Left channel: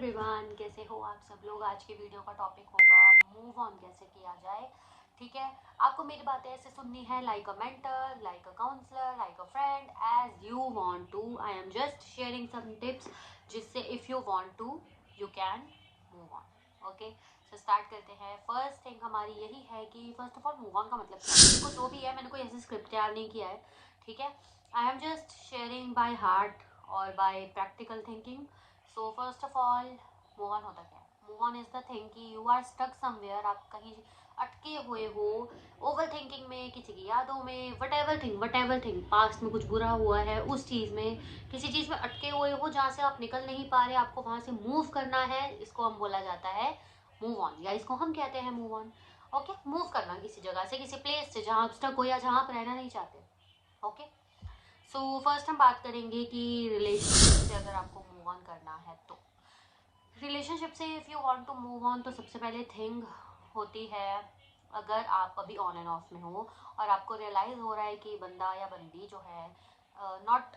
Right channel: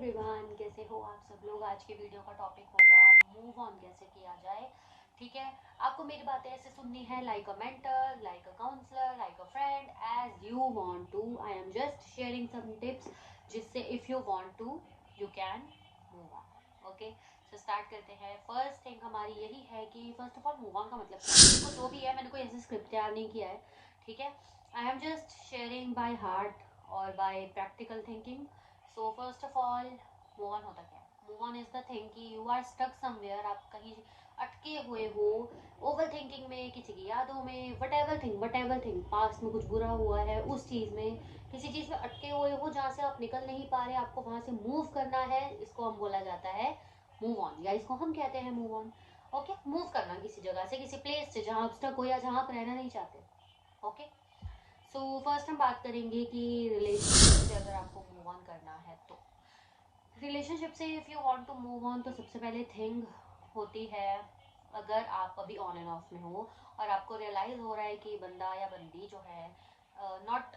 Everyone, कैसे हो आप सब लोग। आज की वीडियो का टॉपिक होगा मूव ऑन कैसे किया जाए। ठीक है, आपको मेरी बातें ऐसे सुननी है like a mentor, like a counsellor, like a friend, as you want to. I am just sharing some tips जिससे if you want to you can move on. Okay, so start करते हैं। फर्स्ट थिंग हमारी यही है कि first of all move on का मतलब क्या है। जो भी है, मैंने कोई ऐसे स्क्रिप्ट तैयार नहीं किया है। ठीक है, I am just sharing by heart और by practical thinking. So first of all, move on होता क्या है? Move on is the thing कि यू आर स्टक समवेयर, आप कहीं अटके हुए हो, ओवर थिंकिंग में, किसी की यादों में, वट एवर थिंग, पास्ट में कुछ बुरा हुआ है उस चीज़ में, किसी चीज़ में अटके हुए हो जहाँ से आप निकल नहीं पा रहे, आपको वहाँ से मूव करना है। इसको हम बोला जाता है मूव ऑन, या इसको हम कहते हैं मूव ऑन। ओके, मूव करना किसी जगह से, किसी प्लेस से जहाँ आप स्टक हो या जहाँ आप रहना नहीं चाहते। ओके, सो फर्स्ट हम बात करेंगे कि रिलेशनशिप से अगर आपको मूव ऑन करना है तो रिलेशनशिप से if you want to move on, तो सबसे पहले थिंग होती है, अगर आप अभी ऑन एंड ऑफ में हो और आपको रियलाइज़ हो रहा है कि बंदा या बंदी जो है नॉट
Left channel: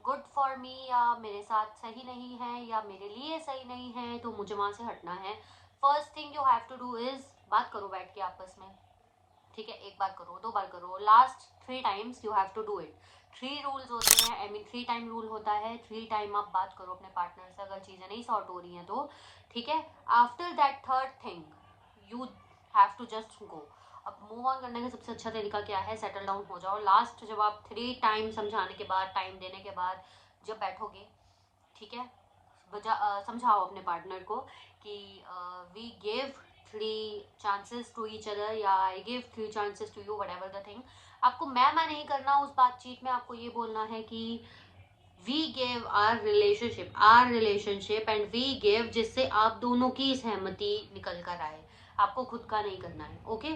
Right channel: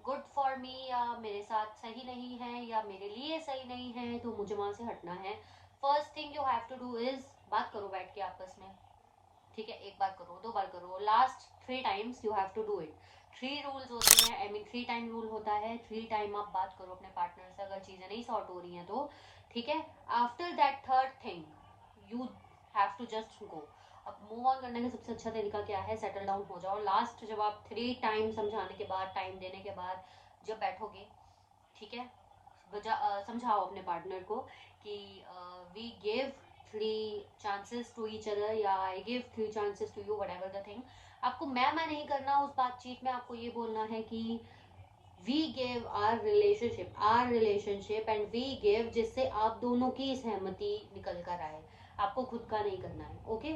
गुड फॉर मी, या मेरे साथ सही नहीं है या मेरे लिए सही नहीं है, तो मुझे वहाँ से हटना है। First thing you have to do is, बात करो बैठ के आपस में। ठीक है, एक बार करो, दो बार करो, last 3 times you have to do it. 3 rules होते हैं, आई मीन 3 टाइम रूल होता है। 3 टाइम आप बात करो अपने पार्टनर से, अगर चीज़ें नहीं सॉर्ट हो रही हैं तो। ठीक है, after that third thing you have to just go. अब मूव ऑन करने का सबसे अच्छा तरीका क्या है? सेटल डाउन हो जाओ। लास्ट जब आप 3 टाइम समझाने के बाद, टाइम देने के बाद जब बैठोगे, ठीक है, समझाओ अपने पार्टनर को कि we give 3 chances to each other, या I give 3 chances to you, whatever the thing. आपको मैं नहीं करना उस बातचीत में, आपको ये बोलना है कि we give our relationship and we give, जिससे आप दोनों की सहमति निकल कर आए। आपको खुद का नहीं करना है। ओके,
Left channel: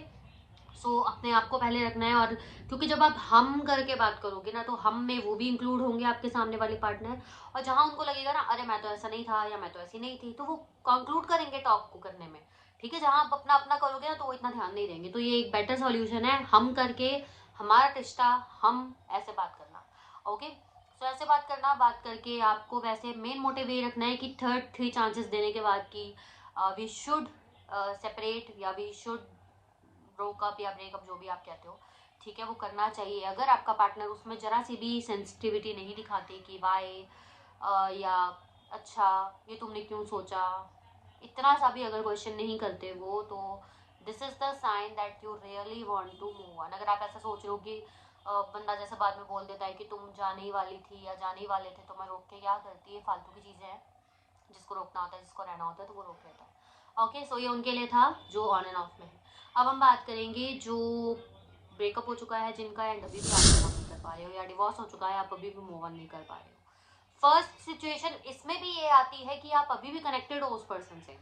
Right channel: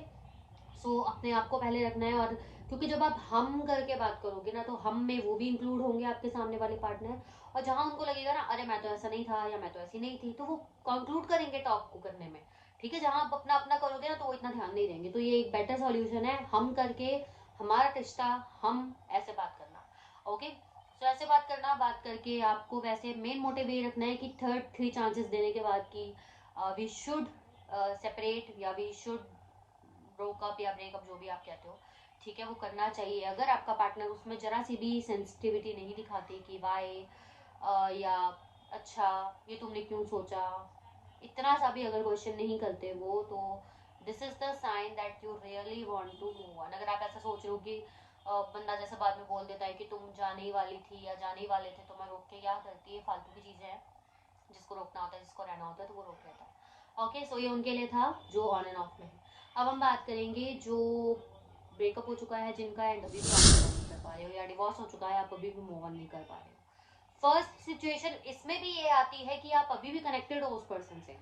सो अपने आप को पहले रखना है। और क्योंकि जब आप हम करके बात करोगे ना, तो हम में वो भी इंक्लूड होंगे आपके सामने वाले पार्टनर, और जहां उनको लगेगा ना अरे मैं तो ऐसा नहीं था या मैं तो ऐसी नहीं थी, तो वो कंक्लूड करेंगे टॉक को करने में। ठीक है, जहां आप अपना अपना करोगे ना, तो वो इतना ध्यान नहीं देंगे। तो ये एक बेटर सॉल्यूशन है, हम करके, हमारा रिश्ता, हम ऐसे बात करना। ओके, सो ऐसे बात करके आपको वैसे मेन मोटिव ये रखना है कि थर्ड 3 चांसेस देने के बाद कि वी शुड सेपरेट, या वी शुड ब्रोकअप या ब्रेकअप, जो भी आप कहते हो। ठीक है, वो करना चाहिए। अगर आपका पार्टनर उसमें जरा सी भी सेंसिटिविटी नहीं दिखाते कि वाई, या अच्छा ये तुमने क्यों सोचा, इतना सा भी अगर क्वेश्चन नहीं करते वो, तो this is the sign that you really want to move on. अगर आप ऐसा सोच रहे हो कि बंदा जैसे बाद में बोल देता है कि तुम जाने ही वाली थी या जाने ही वाले थे, तो मैं रोक के क्या करती है, फालतू की चीज़ें हैं। जिसको रोकना होता है, जिसको रहना होता है, तो वो रोक लेता है। ओके, सो ये उनके लिए था जो ऑन एंड ऑफ में है। अब हम बात करेंगे जो ब्रेकअप हो चुका है जिनका, एंड अभी भी आप मूव ऑन नहीं कर पा रहे हो, या डिवोर्स हो चुका है, आप अभी भी मूव ऑन नहीं कर पा रहे हो। फर्स्ट सिचुएशन इसमें भी ये आती है कि आप अभी भी कनेक्टेड हो उस पर्सन से।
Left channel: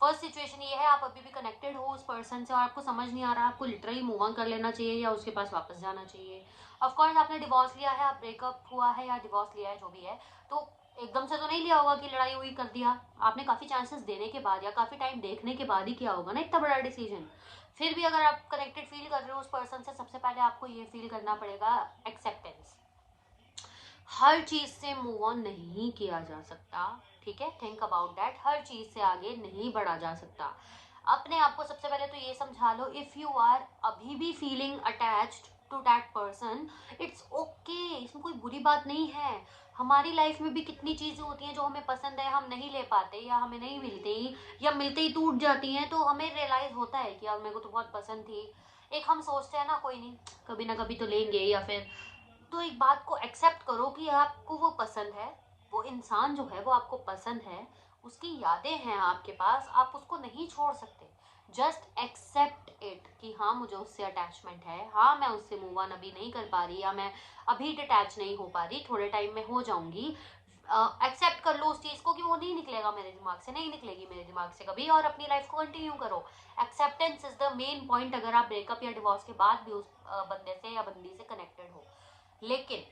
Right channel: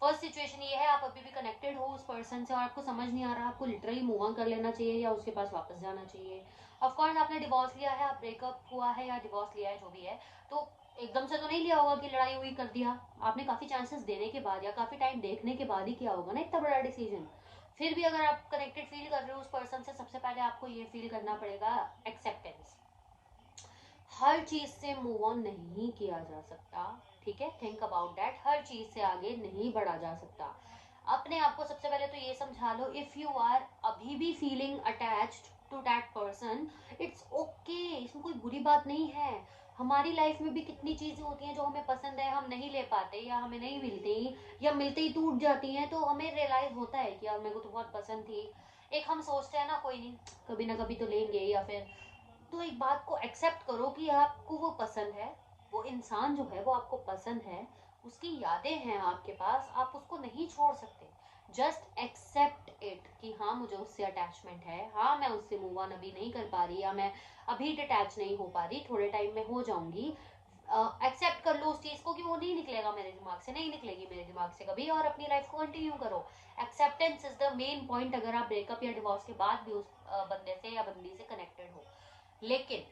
फर्स्ट सिचुएशन ये है, आप अभी भी कनेक्टेड हो उस पर्सन से और आपको समझ नहीं आ रहा, आपको लिटरली मूव ऑन कर लेना चाहिए या उसके पास वापस जाना चाहिए। ऑफकोर्स आपने डिवोर्स लिया है, आप ब्रेकअप हुआ है या डिवोर्स लिया है, जो भी है, तो एकदम से तो नहीं लिया होगा कि लड़ाई हुई कर दिया। आपने काफी चांसेस देने के बाद या काफी टाइम देखने के बाद ही किया होगा ना इतना बड़ा डिसीजन। फिर भी अगर आप कनेक्टेड फील कर रहे हो उस पर्सन से, सबसे पहले आपको ये फील करना पड़ेगा एक्सेप्टेंस। हर चीज से मूव ऑन नहीं किया जा सकता। ठीक है, थिंक अबाउट दैट, हर चीज से आगे नहीं बढ़ा जा सकता। अपने आप को सबसे पहले तो ये समझा लो, इफ यू आर अभी भी feeling attached to that person, it's okay, इसमें कोई बुरी बात नहीं है। हमारी लाइफ में भी कितनी चीजें होती हैं जो हमें पसंद है, हम नहीं ले पाते, या हमें नहीं मिलती, या मिलते ही टूट जाती हैं, तो हमें रियलाइज होता है कि यार मेरे को तो बहुत पसंद थी। एक हम सोचते हैं ना कोई नहीं, कभी ना कभी तो लेंगे, या फिर, तो एक बात को एक्सेप्ट करो कि आपको वो पसंद है, वो इंसान जो है वो आपको पसंद है, उसकी यादें हैं आपके पास, आप उसको नहीं छोड़ सकते। जस्ट एक्सेप्ट इट कि हाँ मुझे उससे अटैचमेंट है, हाँ मैं उससे मूव ऑन अभी नहीं कर पा रही, या मैं अभी डिटैच नहीं हो पा रही, थोड़े टाइम में हो जाऊंगी। एक्सेप्ट कर लो उस चीज को कि वो नहीं निकलेगा मेरे दिमाग से, नहीं निकलेगी मेरे दिमाग से कभी, और अपनी लाइफ को कंटिन्यू करो। Acceptance is the main point, अगर आप ब्रेकअप या डिवोर्स के बाद भी उस बंदे से या बंदी से कनेक्टेड हो। लेकिन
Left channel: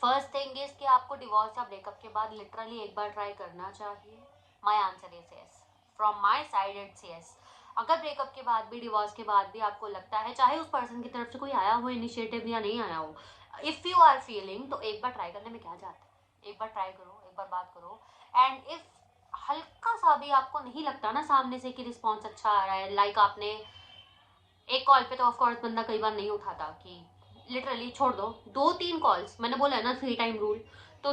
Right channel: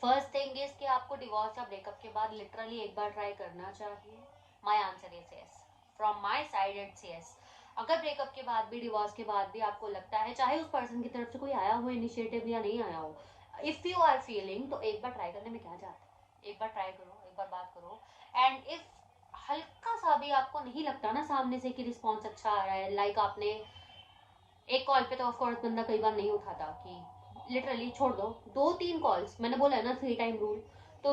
फर्स्ट थिंग इज कि आपको डिवोर्स या ब्रेकअप के बाद लिटरली एक बार ट्राई करना चाहिए। My answer is yes, from my side it's yes. अगर ब्रेकअप के बाद भी, डिवोर्स के बाद भी आपको लगता है, चाहे उस पर्सन की तरफ से कोई आया हो इनिशिएटिव या नहीं आया हो, इफ यू आर फीलिंग, तो एक बार ट्राई करने में क्या जाता है। एक बार ट्राई करो, एक बार बात करो, एंड इफ हल्का सा भी आपको नहीं लगता ना सामने से कि रिस्पॉन्स अच्छा आ रहा है, लाइक आपने एक कॉल पे तो ऑफकोर्स बंदा कई बार नहीं उठाता, कि लिटरली छोड़ दो, 2-3 कॉल्स, मैंने बोला है ना 3 टाइम रूल, तो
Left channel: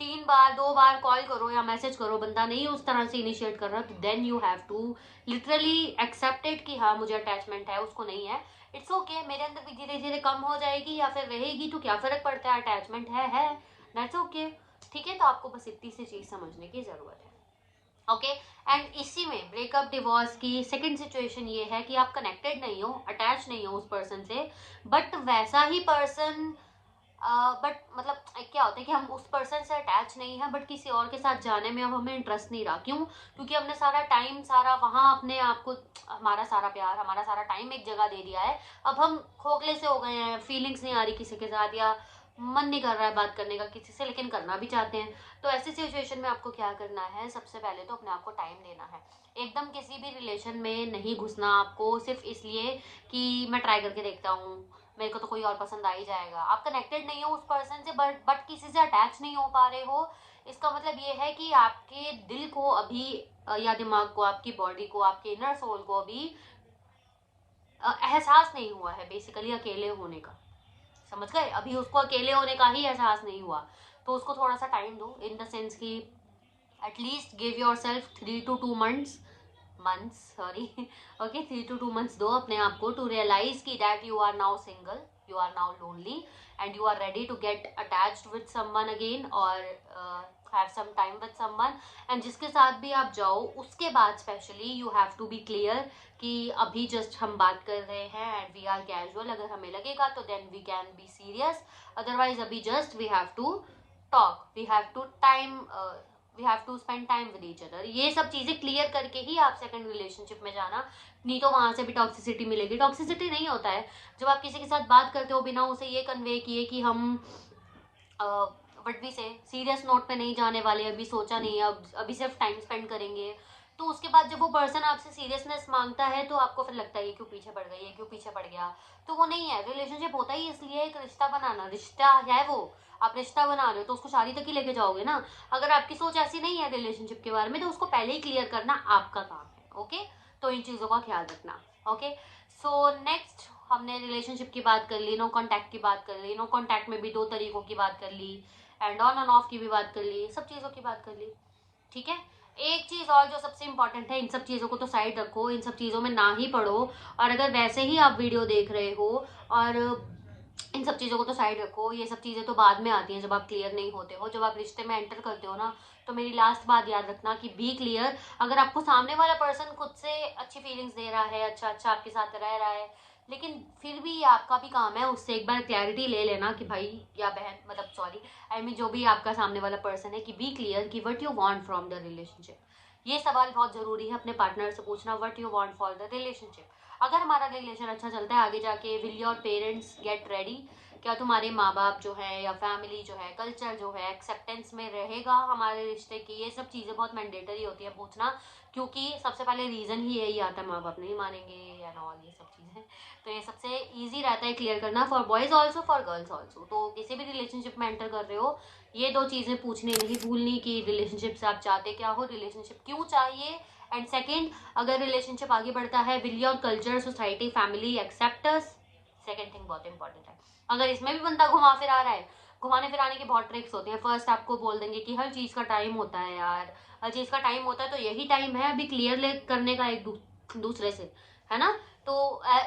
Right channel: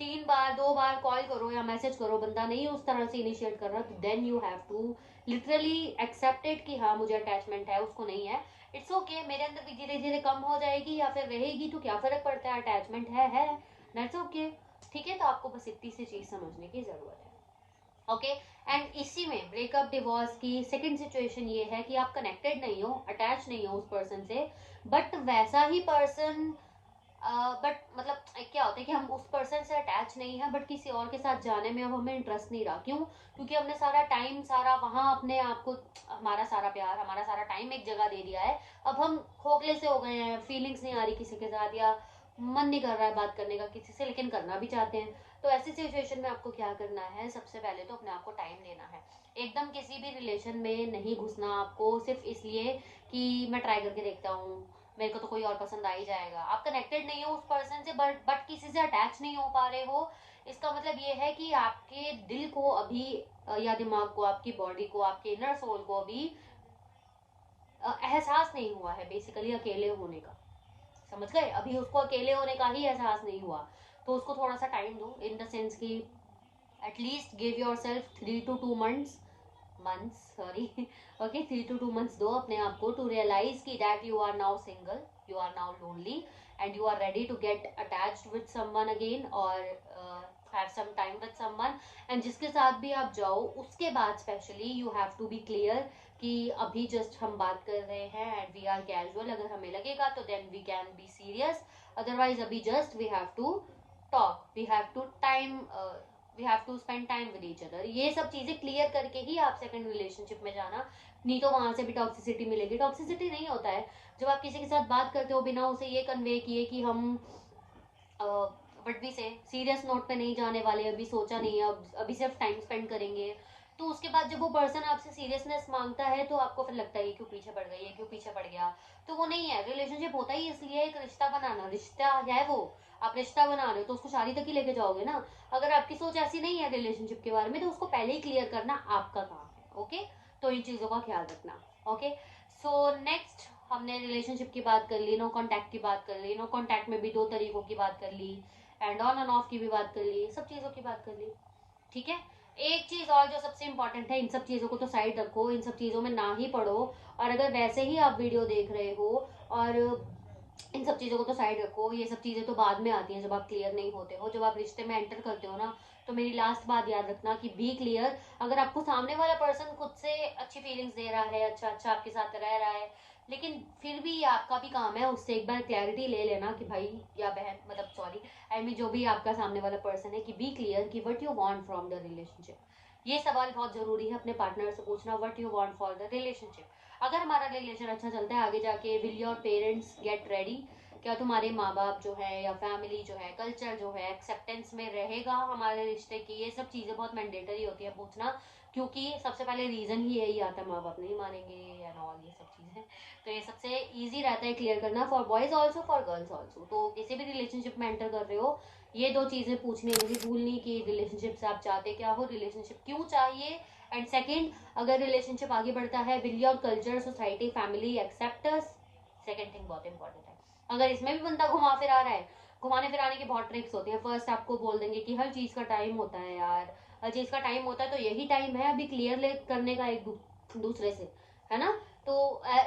3 बार 2 बार कॉल करो या मैसेज करो, बंदा नहीं उस तरह से इनिशिएट कर रहा, तो then you have to literally accepted कि हाँ मुझे अटैचमेंट है, उसको नहीं है, इट्स ओके, मेरे अंदर भी धीरे धीरे कम हो जाएगी या फिर रहेगी, तो क्या फर्क पड़ता है, अटैचमेंट है, दैट्स ओके, ठीक है। तो आपको बस इतनी सी चीज समझने की जरूरत है, ओके। एंड इसी में ब्रेकअप डिवोर्स की सेकंड सिचुएशन ये है कि आप कनेक्टेड नहीं हो, अटैच नहीं हो उस पर्सन से, बट वैसा ही पर्सन, बट मतलब क्या होता है कि हम उस पर्सन से अटैच नहीं है, बट किसी और के साथ जाने में अब हमें इंटरेस्ट नहीं रहा, क्यों? क्योंकि हमने सारा टाइम, सारा वहां अपने आप को, हमारा सारा प्यार, हमारा सारा टाइम एक जगह दे दिया है, अब हम खोखले से हो गए हैं, फीलिंग्स नहीं आ रही किसी के साथ, या मन नहीं कर रहा है बात करने का किसी से, लेकिन करना भी चाहते हैं। तो ऐसी सिचुएशन में आपको क्या करना है, सबसे पहले तो अपने आप को टाइम देना है, एकदम किसी भी रिलेशन में नहीं घुसना आपको सिर्फ इसलिए कि मैं ट्राई करके देखता हूँ, मेरे को तो कोई और पसंद आ ही जाएगा। आप कनेक्टेड नहीं हो उस पर्सन से, बट किसी से अटैच नहीं हो पा रहे हो, इसका मतलब ये है कि आपके दिल को अभी या दिमाग को, आपकी बॉडी को, आपके इनर सोल को अभी एहसास नहीं हुआ है बेसिकली अकेले होने का, समझ गए? अभी उसको अकेले होने का ही एहसास नहीं हुआ, तो उसको थोड़ा सा टाइम दो, इन द सेंस कि at least give yourself 3 to 2 months, sorry, okay, 3 to 2 months दो अपने आप को टू रियलाइज की that you are now single, you are now lonely and you are ready to get attached with someone again, और have some time with someone. And जिसके साथ भी आप जाओ उसके बाद specially you have to be clear कि अभी जस्ट हम बात कर रहे हैं एंड वी आर कैजुअल, अगर हमें लगेगा तो then we can be serious, otherwise अभी just we have to talk, we have to spend time with each other. ये सब चीजें क्लियर करके ही आप सेकंड रिलेशनशिप में जाना, नहीं तो वहां से भी टॉक्सिसिटी मिलेगी। टॉक्सिसिटी नहीं होता है जब आप किसी के साथ बात करते हो बिना उसे ये कन्वे किए कि हम बट भी से सीरियस नोट पे नहीं जाने वाले, अभी सोचा नहीं है, अभी सिर्फ टाइम स्पेंड करेंगे, तो उसके बाद जब वो पर्सन आपसे सीरियसनेस मांगता है तो आपको फिर लगता है ये क्यों पीछे पड़ गई, ये क्यों पीछे पड़ गया, तो वो नहीं है। रिलेशनशिप होता ही इसलिए एक रिश्ता बनाना, रिश्ता है वो, आप रिश्ता बना रहे हो तो उसको शादी तक ही लेके जाओगे ना। अगर आपकी सोच ऐसी नहीं है रिलेशनशिप के बारे में तो उसको पहले ही क्लियर करना आपका काम है, ओके। तो इन चीजों का ख्याल रखना, ओके। सो नेक्स्ट हमने रिलेशनशिप की बात कर ली, नो कॉन्टैक्ट की बात कर ली, नो कॉन्टैक्ट में भी 2 तरीकों की बात कर ली, एंड ऑन एंड ऑफ की भी बात कर ली, सब चीजों की बात कर ली, ठीक है। एक चीज और जो सबसे इंपॉर्टेंट है, इन सब चीजों को तो साइड रखो, इन सब चीजों में ना ही पढ़ो, और अगर वैसे ही आप वीडियो देख रहे हो और इन सब चीजों को तो साइड रखो, ये सब चीजें तो बाद में आती हैं जब आप क्लियर नहीं होते हो, जब आप रिश्ते में एंटर करते हो ना, तो मेरी लास्ट बात याद रखना कि बी क्लियर। अगर आपको सामने वाला पर्सन खुद से अच्छी फीलिंग्स दे रहा है, अच्छा अच्छा आपके साथ रह रहा है, लेकिन फिर भी आपका भी काम है उससे एक बार क्लैरिटी ले लेना कि भाई या बहन, मतलब सॉरी, आई मीन जो भी आपका सामने वाला पर्सन है, कि बी क्लियर कि what you want from the relationship. ये सवाल बहुत जरूरी है अपने पार्टनर से पूछना, what you want for the relationship. अगर हमारा रिलेशन अच्छा चलता है आगे जाके, will your parents get ready, क्या तुम्हारे माँ बाप जो है या फैमिली जो है, कल्चर जो है, एक्सेप्टेंस में रहेगा हमारे रिश्ते की, ये सब चीजें बहुत मैंडेटरी होती है पूछना, क्योंकि सबसे पहले रीजन ही यही आता है, माँ बाप नहीं मानेंगे एंड ऑल ये सब चीजें, तो ये सबसे इजी रहता है क्लियर करना, for boys also for girls also. तो किसी भी रिलेशनशिप में एंटर कर रहे हो, ये 2 चीजें पूछनी नहीं भूलनी कि रिलेशनशिप से आप चाहते क्या हो, रिलेशनशिप क्यों चाहिए, एंड सेकेंड, अगर रिलेशनशिप आगे बढ़ता है, will your culture, society, family accept us. Second thing बहुत इंपॉर्टेंट है। अगर इसमें भी बंदा घुमा फिरा रहा है, घुमाने फिराने की बहुत ट्रिक्स होती है। फर्स्ट आपको बोल देंगे कि हर चीज का टाइम होता है यार, हर चीज का टाइम होता है, तो यही टाइम है अभी क्लियर करने का एक दूसरे से, है ना। तो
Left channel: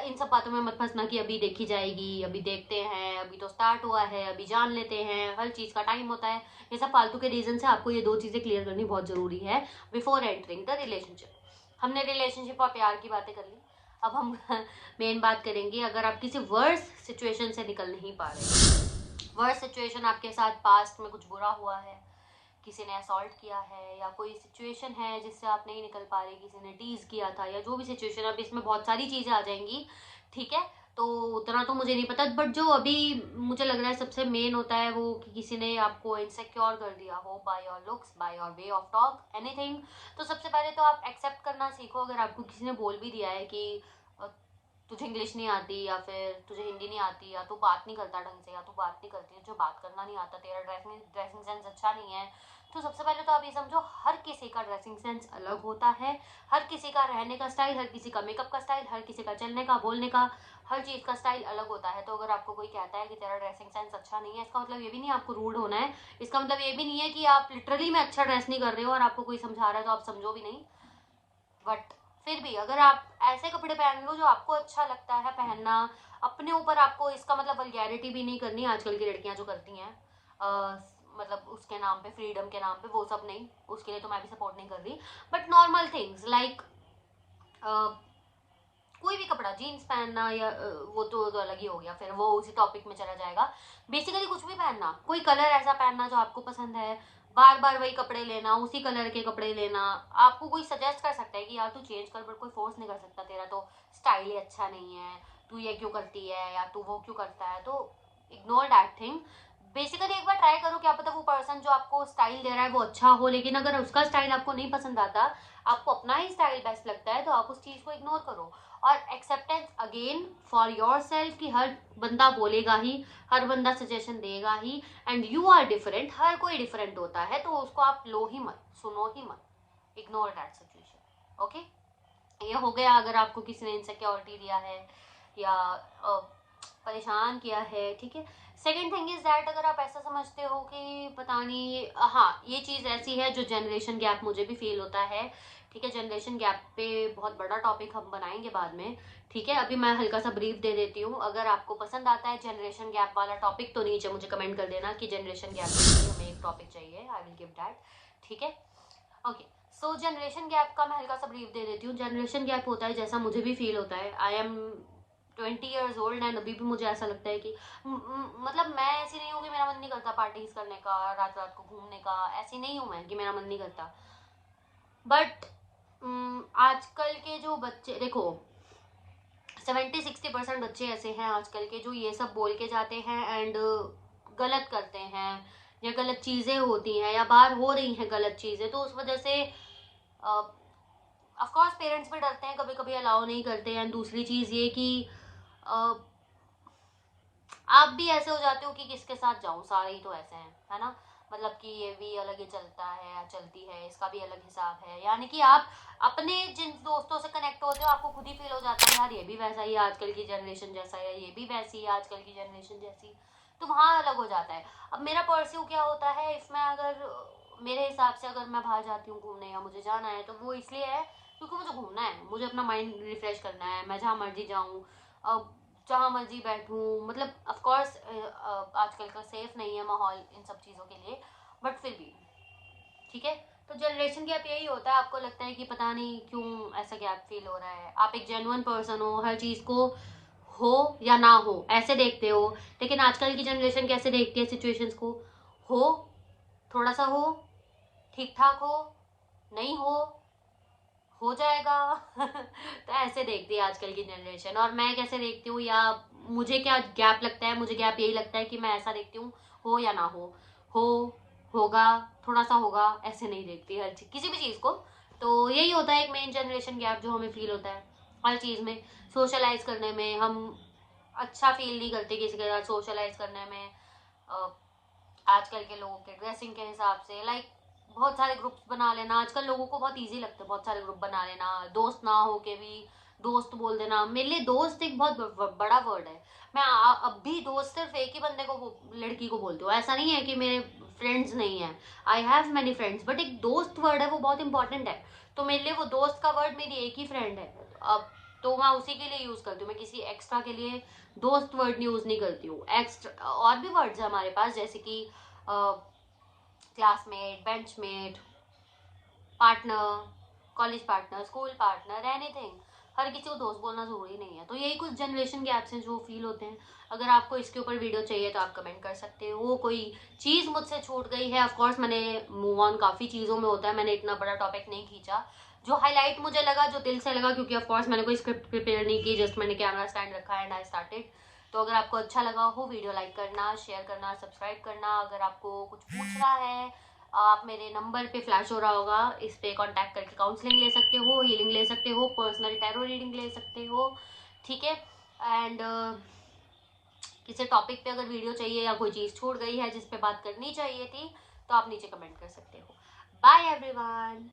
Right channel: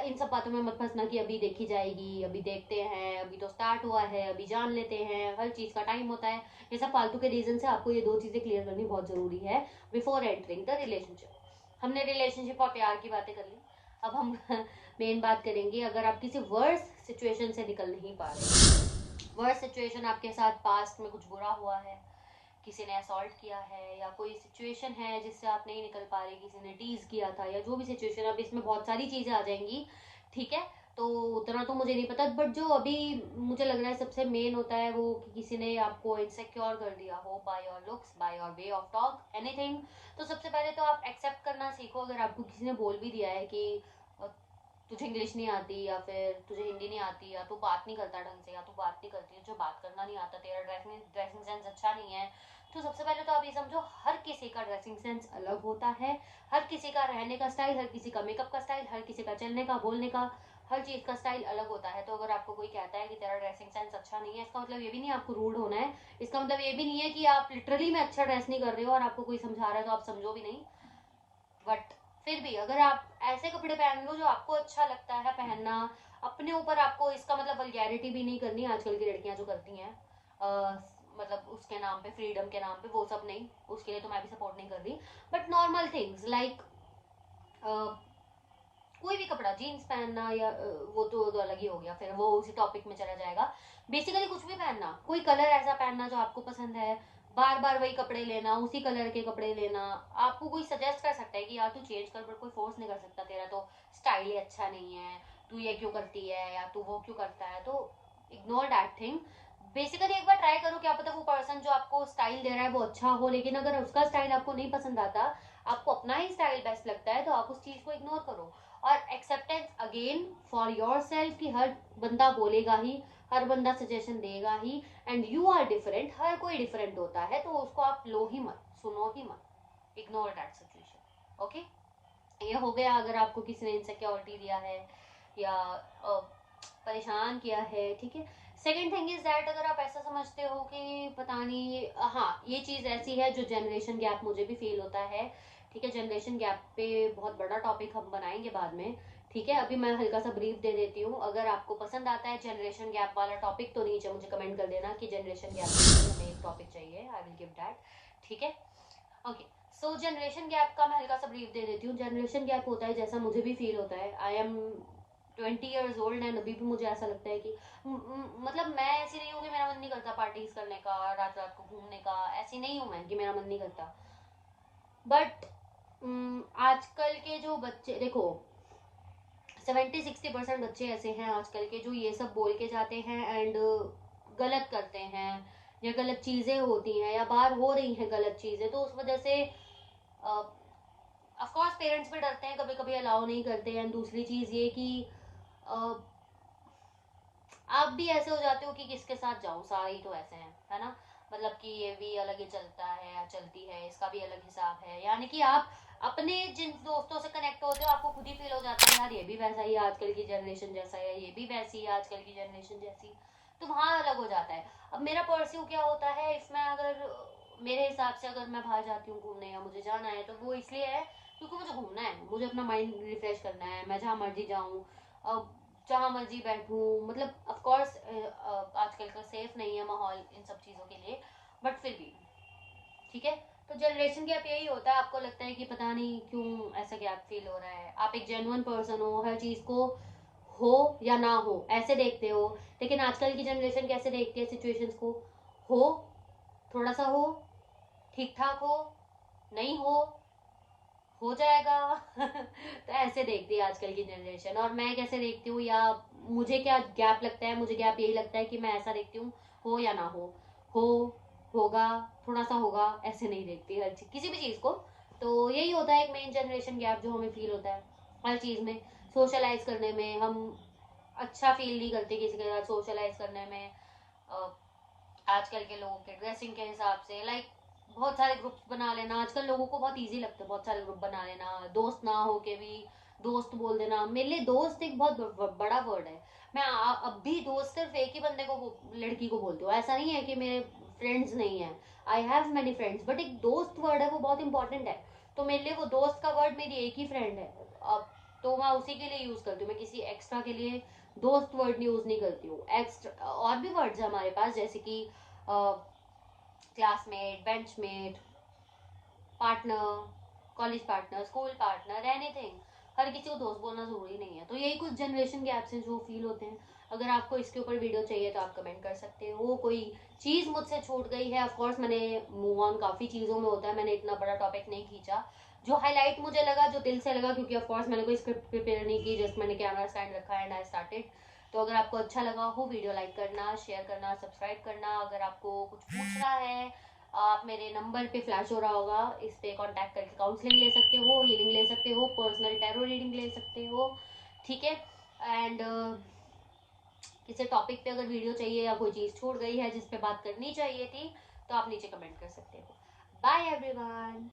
इन सब बातों में मत फंसना कि अभी देखी जाएगी, अभी देखते हैं, अभी तो स्टार्ट हुआ है, अभी जान लेते हैं, हर चीज का टाइम होता है, ये सब फालतू के रीजन से आपको ये 2 चीजें क्लियर करनी बहुत जरूरी है बिफोर एंटरिंग द रिलेशनशिप। हमने रिलेशनशिप और प्यार की बातें कर ली, अब हम मेन बात करेंगे, अगर आप किसी वर्स सिचुएशन से निकल नहीं पा रहे, वर्स सिचुएशन आपके साथ पास्ट में कुछ बुरा हुआ है, किसी ने असॉल्ट किया है, या कोई सिचुएशन है जिससे आप नहीं निकल पा रहे, किसी ने टीज किया था, या जो भी सिचुएशन, अब इसमें बहुत सारी चीजें आ जाएंगी, ठीक है। तो उतना तो मुझे नहीं पता, बट जो अभी मुझे लग रहा है सबसे मेन होता है वो कि किसी ने आपको इनसिक्योर कर दिया हो, by your looks, by your way of talk, anything. तो सबसे पहले तो आप एक्सेप्ट करना सीखो, अगर आपको किसी ने बोल भी दिया है कि तुझे इंग्लिश नहीं आती, या फिर तुझे हिंदी नहीं आती, या तू बात नहीं करता ढंग से, या तू बात नहीं करती, जो बात करना नहीं आता, तेरा ड्रेसिंग सेंस अच्छा नहीं है, तो सबसे पहले तो आप ये समझो, हर किसी का ड्रेसिंग सेंस अलग होता है, हर किसी का रहने का स्टाइल, हर किसी का मेकअप का स्टाइल, हर किसी का चलने का, बोलने का, हर चीज का स्टाइल अलग होता है। तो अगर आपको कोई कहता है कि तेरा ड्रेसिंग सेंस अच्छा नहीं है, इसका मतलब ये भी नहीं आपको रूड होना है, इसका मतलब ये भी नहीं है कि आप लिटरली में अच्छा ड्रेस नहीं कर रहे हो और आपको कोई समझा रहा है तो आप समझो भी नहीं। बट फिर भी अगर आप ऐसे कपड़े पहन लो जो आपको अच्छा लगता है पहनना अपने ऊपर, आपको इसका मतलब वल्गैरिटी भी नहीं करनी। आजकल की लड़कियां जो करती हैं मतलब उसके नाम पे, फ्रीडम के नाम पे, वो सब नहीं, उसके लिए तो मैं भी सपोर्ट नहीं कर रही। बट नॉर्मल थिंग्स लाइक कोई भी कपड़ा, जीन्स पहनना या वो तो अलग ही हो गया, फिर वो उसी टॉपिक में चला जाएगा। बेसिकली कुछ भी पहनना, कोई कलर ऐसा पहनना जो आपको पसंद है, बार बार वही कपड़े लेना, उसी कलर के कपड़े लेना। आपको कोई सजेस्ट कर सकता है कि यार तू चेंज कर, बट कोई फोर्स नहीं कर सकता, तेरा तो स्टाइल ही अच्छा नहीं है, तू ये क्यों करती है या तू वो क्यों करता है। तो इग्नोर दैट थिंग। बेसिकली एक बार ट्राई करो, क्या पता वो पर्सन जो आपको स्टाइल दे रहा है वो अच्छा हो, लेकिन अगर उसका स्टाइल आपको नहीं पसंद आता, आपको अपना ही स्टाइल बेस्ट लगता है, तो आप उस चीज को इग्नोर करो। और acceptance again for your self, कि हर बंदा बोलेगा ही, हर बंदा सजेशन देगा ही, एंड यू आर डिफरेंट, हर कोई डिफरेंट होता है, तो उसको आप लो ही मत, सुनो ही मत, इग्नोर दैट सिचुएशन। ओके, ये हो गया अगर आपको किसी ने इनसिक्योरिटी दिया है या परेशान किया है, ठीक है। सेकेंड थिंग इज दैट, अगर आप ऐसा समझते हो कि पता नहीं, हाँ ये चीज ऐसी है जो जनरेशन गैप मुझे भी फील होता है, ठीक है। जनरेशन गैप पे बहुत बड़ा टॉपिक हम बनाएंगे बाद में, ठीक है। अभी मैं हल्का सा ब्रीफ दे देती हूँ। अगर आपको पसंद आता है जनरेशन गैप वाला टॉपिक तो नीचे मुझे कमेंट कर देना कि जनरेशन गैप पे हमें एक टॉपिक चाहिए, आई विल गिव दैट, ठीक है। ओके, सो जनरेशन गैप का मैं हल्का सा ब्रीफ दे देती हूँ। जनरेशन गैप होता है जैसा मुझे भी फील होता है, I M 20 years old and अभी भी मुझे ऐसा लगता है कि मतलब मैं ऐसी नहीं हूँ कि मेरा मन नहीं करता पार्टीज करने का, रात रात को घूमने का, ऐसी नहीं हूँ मैं कि मेरा मन नहीं करता। बट आजकल के जो बच्चे देखो, 70-60% बच्चे ऐसे हैं आजकल के जो ये सब बोल के जाते हैं एंड गलत करते हैं, या गलत चीजें होती हैं या बाहर हो रही हैं गलत चीजें, तो उस वजह से ऑफ कोर्स पेरेंट्स भी डरते हैं, कभी कभी अलाउ नहीं करते हैं। दूसरी चीज ये कि आप भी ऐसे हो जाते हो कि किसके साथ जाऊं, सारे ही तो ऐसे हैं, है ना। मतलब कि ये भी अलग ही चलता है या चलती है, इसका भी अलग हिसाब है, यानी कि आप अपने जिन दोस्तों से कनेक्ट होते हो आपको खुद ही फील हो जाता है यार ये भी वैसा ही आजकल की जनरेशन जैसा है, ये भी वैसी है आजकल की जनरेशन जैसी, तो वहाँ अलग हो जाता है। अब मेरा पर्स्यू क्या होता है इसमें, अगर मेरे हिसाब से अगर मैं बाहर जाती हूँ घूमने या मुझे जाना है तो वो इसलिए है क्योंकि मुझे घूमना है, मुझे अपना माइंड रिफ्रेश करना है, मैं जहाँ मर्जी जाऊँ, जहाँ मर्जी बैठूँ। मतलब ऑफ कोर्स आजकल का सेफ नहीं है माहौल इन सब चीज़ों के लिए, बट फिर भी ठीक है। तो जनरेशन गैप यही होता है, आपको लगता है कि पता नहीं क्यों ऐसा गैप फील हो रहा है, आप एक जेन्युइन पर्सन हो, हर चीज़ को हो या ना हो ऐसे देखते हो, लेकिन आजकल की जनरेशन कैसे देखती है सिचुएशंस को, हो, थोड़ा सा ठीक ठाक नहीं हो जाएगा तो ऐसे देखती है आजकल की जनरेशन। और मैं कैसे देखती हूँ, या मुझे क्या गैप लगता है, मुझे गैप यही लगता है कि मैं ऐसा देखती हूँ, हो या ना हो होगा, थोड़ा सा होगा, ऐसे नहीं देखती हर चीज, किसी भी चीज को। तो यही होता है एक मेन जनरेशन गैप जो हमें फील होता है हर चीज में। सोशलाइज करने में हम अच्छा फील नहीं करते किसी के साथ, सोशलाइज करने में आजकल के लोगों के ड्रेसिंग के हिसाब से, लाइक बहुत सारे ग्रुप्स बना लेना, आजकल लोगों को बहुत इजी लगता है बहुत सारे ग्रुप बना लेना, दोस्त ना हो के भी दोस्त बोल देना। मेरे लिए दोस्त एक बहुत बड़ा वर्ड है। मैं अब भी दोस्त सिर्फ एक ही बंदे को, लड़की को बोलती हूँ, ऐसा नहीं है कि मेरे फ्रेंड्स नहीं है, I have many friends, but एक दोस्त वर्ड है वो बहुत इंपॉर्टेंट है। तो मेरे लिए वो दोस्त का वर्ड मेरी एक ही फ्रेंड है, अब तो मैं उसी के लिए यूज करती हूँ, मैं किसी एक्स्ट्रा के लिए दोस्त वर्ड यूज नहीं करती हूँ। एक्स्ट्रा और भी वर्ड्स है हमारे पास, जैसे कि classmate, benchmate, partner, college partner, school partner, anything. हर किसी को दोस्त बोलना जरूरी नहीं है। तो यही कुछ जनरेशन गैप्स हैं जो फील होते हैं। अगर आपको इसके ऊपर वीडियो चाहिए तो आप कमेंट कर सकते हो। कोई चीज मुझसे छूट गई है, ऑफकोर्स मैंने मूव ऑन काफी चीजों में होता है, मैंने इतना बड़ा टॉपिक नहीं खींचा। जो हाईलाइट मुझे लगा, जो दिल से लगा, क्योंकि ऑफकोर्स मैंने कोई स्क्रिप्ट प्रिपेयर नहीं की, जस्ट मैंने कैमरा स्टैंड रखा एंड आई स्टार्टेड। तो अगर आपको अच्छा लगा हो, वीडियो लाइक करना, शेयर करना, सब्सक्राइब करना। अगर आपको कुछ पूछना है, आप मेरे नंबर पे फ्लैश हो रहा होगा, इस पे कांटेक्ट करके काउंसलिंग ले सकते हो, हीलिंग ले सकते हो, पर्सनल टैरो रीडिंग ले सकते हो, ठीक है। एंड किसी टॉपिक पे अगर वीडियो चाहिए या कोई चीज़ छूट गई है जिस पे बात करनी चाहिए थी तो आप नीचे कमेंट कर सकते हो। Bye everyone.